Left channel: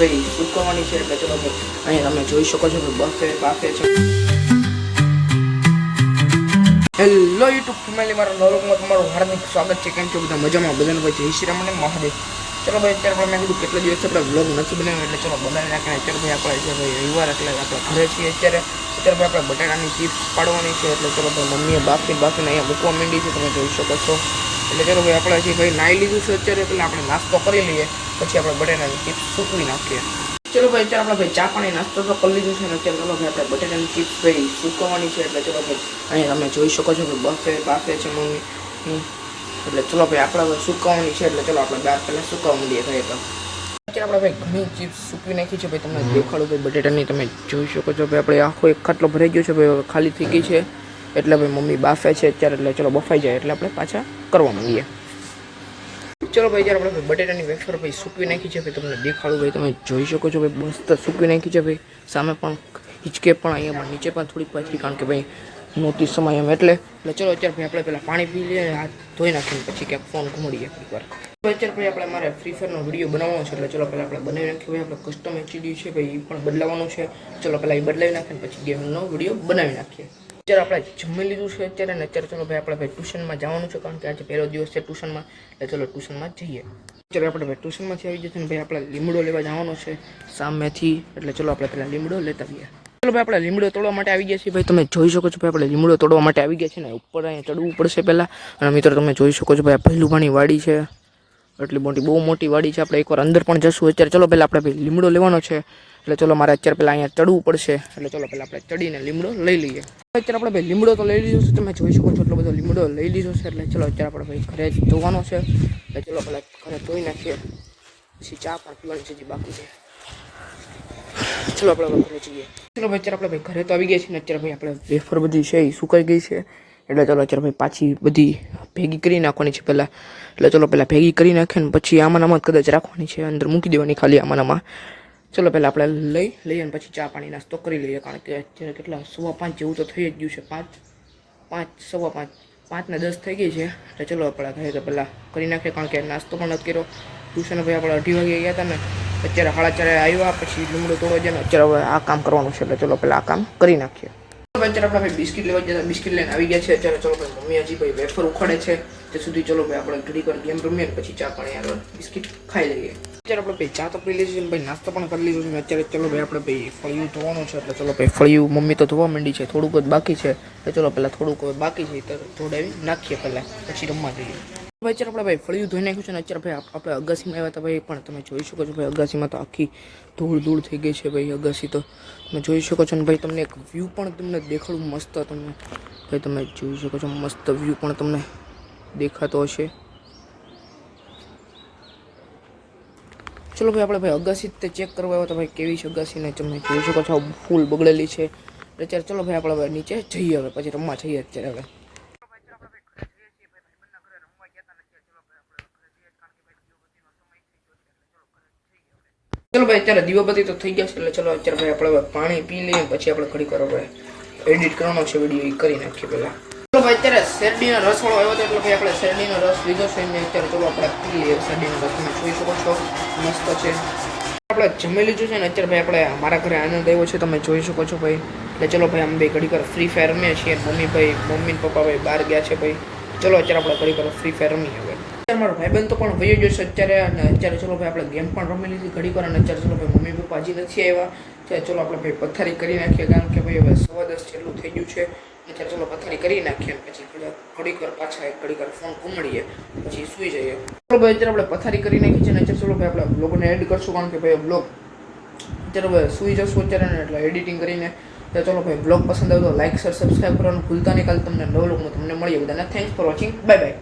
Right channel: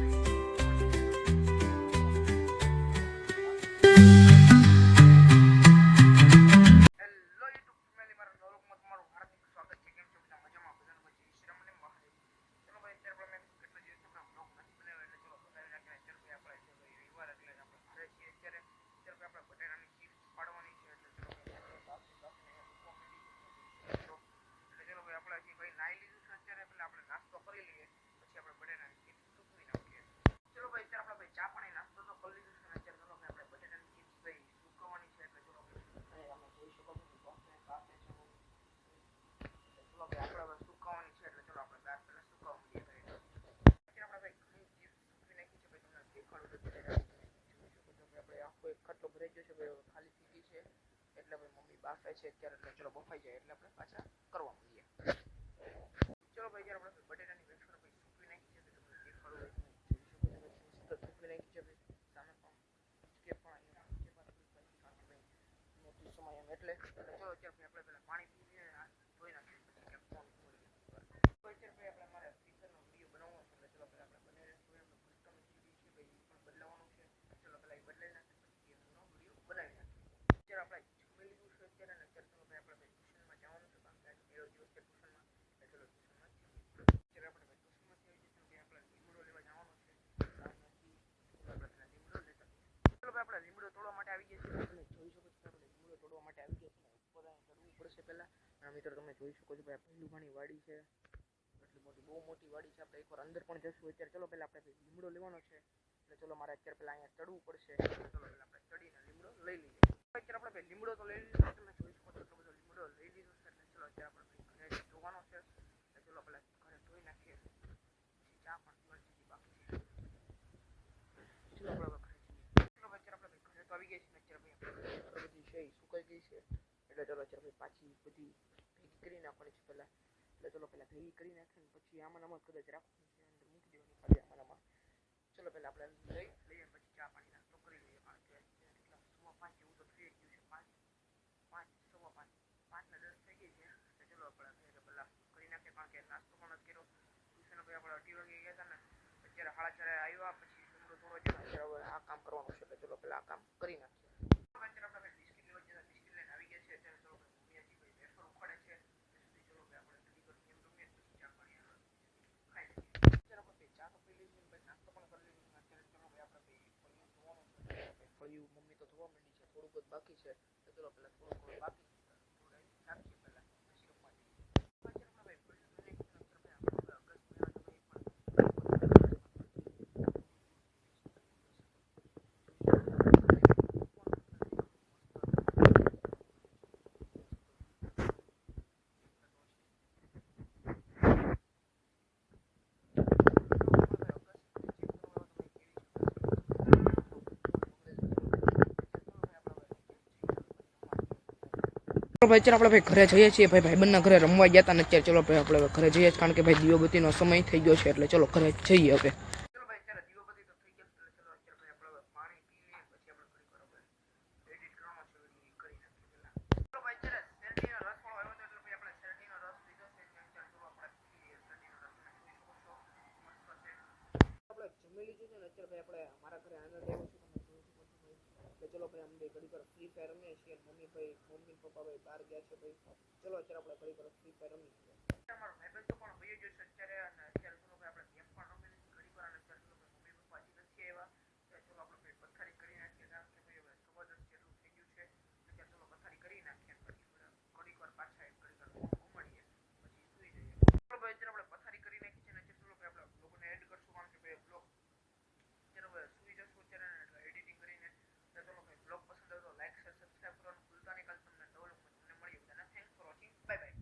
ભાઈ સુકવવાની છે એટલે ચલો ભાઈ અહીંયા તમે જોઈ શકો છો કે બાફે છે. હેલો યુટ્યુબ ફેમિલી, મારા નવલોકમાં તમારું હાર્દિક સ્વાગત છે. કેમ છો બધા? મજામાં? બધાને ભાઈ જય શ્રી રામ અને મહાદેવ. ચલો ભાઈ અત્યારે મેં કીધું કેટલા દિવસ આપણે વ્લોગ નથી બનાવ્યો એટલે ચલો બનાવી નાખીને અત્યારે ભાઈ આપણે છે ભાઈ રવિવાર એટલે આપણે ઘરે છીએ અત્યારે ભાઈ આપણે બટાટાની ચિપ્સ પાડવાની છે એટલે ચલો ભાઈ મમ્મીએ બાફીને અહીંયા મૂકવા માંડી છે, તમે જોઈ શકો છો. એટલે ચલો ભાઈ આપણે હજી ભાઈ નાહી લીધું છે અત્યારે, એટલે આપણે નાસ્તો કરી લઈએ પછી આપણે બટાટાની ચિપ્સ સૂકવી નાખીએ. ચલો ભાઈ અત્યારે આપણે ભાઈ ચા પાણી નાસ્તો તો કરી લીધું છે ને અત્યારે ચલો ભાઈ આપણે બટાટાની ચિપ્સ ભાઈ સૂકવવાની છે એટલે ચલો ભાઈ અહીંયા તમે જોઈ શકો છો કે બાફે છે મમ્મી. એટલે ચલો ભાઈ આપણે સુકવવાની છે એટલે ચલો આપણે બહાર પહેલાં સુકવવા માંડીએ ભાઈ. તો અત્યારે આપણે ભાઈ ઘણી ચિપ્સ સૂકવી નાખી છે ભાઈ, તમને દેખાડું ભાઈ બટેટાની. તમે જોઈ શકો છો ભાઈ આપણે આખો એક ખાટલો ભરાઈ ગયો છે ભાઈ, ખાલી થઈ ગઈ છે એટલે ભાઈ મમ્મી બાફે છે અત્યારે. એટલે ચલો બફાઈ જાય એટલે આપણે પાછા કરવા માંડીએ. ચલો ભાઈ જ્યારે આપણે બટેટાની વેફર ભાઈ સૂકવી નાખી છે ભાઈ, તમને દેખાડું ભાઈ. તમે જોઈ શકો છો ભાઈ મસ્ત સૂકવી નાખી છે ભાઈ. સામે પણ હિંચકે પણ અહીંયા પણ નીચે પણ થોડીક પાછી, કારણ કે ભાઈ નહોતી સમય એમ એટલે ચલો અત્યારે ભાઈ આપણે પહેલાં પાણી પી લઈએ, હાથ ધોઈ નાખીને પછી ક્યાંક ફોન ઘૂમડીએ એકવાર. અત્યારે ભાઈ આપણે મારે ફ્રી ફાયરનો વિડીયો બનાવવાનો છે એટલે ચલો પહેલાં આપણે બનાવી નાખીએ ભાઈ. આપણે કસ્ટમ એચડી છે ભાઈ, એ પણ બદલાવાનું છે. ચલો પહેલાં એ બદલાવી નાખીને પછી ગેમનો વિડીયો બનાવી નાખીએ. અત્યારે આપણે જમી લીધું છે અત્યારે ને અત્યારે ચલો ભાઈ આપણે ભાઈ ટ્યુશનમાં જવાનું છે, કારણ કે આજે પહેલો દિવસ છે ટ્યુશનમાં એટલે ચલો ટ્યુશનમાં જઈએ. અત્યારે આપણે ભાઈ ટ્યુશનમાંથી આવી જશે ને ભાઈ આપણે લીમડો લેવા જવાનો છે સામેથી, એટલે ચલો આપણે પહેલાં લીમડો લેતા આવીએ. ચલો ભાઈ આપણે લીમડો તોડવા માટે આવી ગયા છીએ ભાઈ, તમે જોઈ શકો છો ભાઈ આપણે લીમડો તોડવા માટે આવી ગયા છે ને ઉપર અહીંયા ચડવું પડશે પહેલાં. અને મિત્રો તમે જોઈ શકો છો ભાઈ આ ભૈલુભાની વાડી છે, એટલી મોટી બહુ મોટી વાડી છે. આપણે એકવાર અંદર પણ જશું અત્યારે. ચલો પહેલાં આપણે ભાઈ લીમડો લેવાનો છે એટલે ચલો મારે અત્યારે પહેલાં અહીંયા ચડવું પડશે એટલે ચલો પહેલાં આપણે ચડીને લીમડો લઈ લઈએ. અત્યારે આપણે ભાઈ લીમડો તો લઈ લીધો છે, તમે જોઈ શકો છો એટલો બધો લીમડો લઈ લીધો છે એટલે ચલો અત્યારે આપણે ભાઈ ઘરે ધોવાનો છે એટલે ચલો પહેલાં ઘરે ધોઈ નાખીએ, પછી ચા પણ પીવાની છે જે બાકી છે. ચલો આપણે ઘરે જઈએ. ચલો ભાઈ અત્યારે આપણે ભાઈ ઘરે તો આવી ગયા છીએ ને અત્યારે ભાઈ આપણે વેફર બધી છે એ સુકાઈ ગઈ છે એટલે ચલો અત્યારે ભાઈ પાછી બધી ભેગી કરી નાખવાની છે પહેલાં. એટલે ચલો પહેલાં ભેગી કરી નાખીએ ને પછી આમાં કદાચ રાખવાની છે, અંદર મૂકી દેવાની ખાલી આમાં. ચલો પહેલાં આપણે લઈએ ને પછી ચા પાણી નાસ્તો કરી લઈએ, કારણ કે અત્યારે કેટલા 5:15 જેવું તો થઈ જ ગયું છે. 5:10 થઈ ગઈ છે એટલે ચલો આપણે ઘરે તો પહેલાં કરી નાખીએ, કારણ કે નાસ્તો પણ નથી કર્યો. ટ્યુશન ભાઈ આપણે 2:30 વાગે ગયા હતા ને અત્યારે 4:30 આવ્યા, પછી લીમડો તોડવા જાય ને અત્યારે હવે આ કામ કરવાનું છે એટલે ચલો પહેલાં આ કામ કરી નાખીએ. અત્યારે આપણે ભાઈ બિસ્કિટ લેવા જતા બિસ્કિટ લઈને આવી ગયા છે અત્યારે. ચલો ભાઈ મમ્મી હજી ભાઈ વેફર ઉખાડે છે તે સુધી ચલો ભાઈ આપણે ઘડી પર ગેમ રમીએ ને પછી ચા પાણી આગળ બિસ્કિટ ખાઈ લઈએ. અત્યારે આપણે ભાઈ ચા તો પી લીધી છે ભાઈ, નાસ્તો પણ કરી લીધો છે. અત્યારે ચલો ભાઈ આપણે ભાઈ ફળિયું ધોવાનું છે એટલે ચલો ભાઈ ફળિયું મમ્મી તો ધોવા માંડી છે, થોડુંક જ બાકી છે એટલે ચલો પહેલાં થોડુંક બાકી છે તો ધોડાવી નાખીએ પહેલાં, પછી રમવા જઈએ. ભાઈ અત્યારે આપણે ભાઈ ફળિયું ધોઈ નાખ્યું છે ને અત્યારે ભાઈ આપણે અગાસીમાં આવ્યા હતા ભાઈ, પણ તમે જોઈ શકો છો ભાઈ અગાસીમાં તો આખી ધૂળ થઈ ગઈ છે ભાઈ અગાસી. તો તમે જોઈ શકો છો ને ભાઈ તમને એક વ્યૂ પણ તમને દેખાડું મસ્ત. તમને ભાઈ તમે જોઈ શકો છો મસ્ત વ્યૂ પણ તમને દેખાતો હશે. ચલો ભાઈ આપણે ભાઈ અગાસી તે ચેક કરવા આવ્યા તો ભાઈ કેવી છે અગાસી ને તમે જોઈ શકો છો ફૂલ બગડેલી છે. અત્યારે ચલો ભાઈ આપણે નીચે જઈએ હવે, પછી રમવા જઈએ અત્યારે. હવે ભાઈ અત્યારે આપણે ભાઈ ઘરે જઈએ છીએ ભાઈ, ભાઈબંધના ઘરે રમવા ગયા હતા ને અત્યારે ચલો ભાઈ આપણે ઘરે જઈએ, કારણ કે ભાઈ દીવાબત્તીનો સમય થઈ ગયો છે એટલે ચલો ઘરે જઈએ હવે. ચલો ભાઈ અત્યારે દીવાબત્તી તો થઈ ગયા છે એટલે ચલો અત્યારે ભાઈ આપણે પાણી પી લઈએ પછી આપણે ઘડી કરો ભાઈ એડિટ કરવાનો છે વિડીયો એ કરી નાખીએ પહેલાં. ચલો ભાઈ અત્યારે શેરડીનો રસ વાળો આવ્યો હતો એટલે ભાઈ આપણે શેરડીનો રસ લીધો છે ને અત્યારે ચલો આપણે પી લઈએ શેરડીનો રસ. તમે જોઈ શકો છો મસ્ત છે. આપણે જમી લીધું છે ને અત્યારે ભાઈ આપણે મારા ઘરે આનંદ આવ્યો છે, તમે જોઈ શકો છો ભાઈ. એટલે ચલો ભાઈ અમે ભાઈ ઘડી પર ફ્રી ફાયર રમીએ છીએ. મમ્મી ને પપ્પા ભાઈ બહાર ગયા છે ભાઈ. ચલો અત્યારે આપણે ઘડી પર ફ્રી ફાયર રમીએ હવે. અત્યારે મારો ભાઈબંધ તો પણ વયો ગયો છે અત્યારે, અને અત્યારે ચલો ભાઈ આપણે ગેમ પણ રમી લીધી ઘડી પર. અને અત્યારે ચલો ભાઈ મમ્મી પપ્પા હજી નથી આવ્યા ત્યારે ચલો આપણે ભાઈ પથારી કરી નાખીએ, કારણ કે ભાઈ હવે 10:15 જેટલું થઈ ગયું છે. અત્યારે ચલો પથારી કરી નાખીએ પછી ઘડી પર પાછા એક ઘડી પર ફોન ઘૂમડીએ પછી સૂઈ જઈએ. ચલો ભાઈ અત્યારે આપણે પથારી કરી નાખી છે ને અત્યારે ચલો ભાઈ આપણે બ્લોગને એડ કરશું, કારણ કે ભાઈ બ્લોગ અત્યારે હવે સૂઈ જશું અત્યારે ને એટલે એડિટિંગ કરીને. તો ચલો ભાઈ બ્લોગ પસંદ આવ્યો તો લાઈક શેર સબસ્ક્રાઈબ કરવાનું ભૂલતા નહીં. કાલે તમને નવો લોગમાં તમને મળીએ. બધાને thanks for watching, bye bye.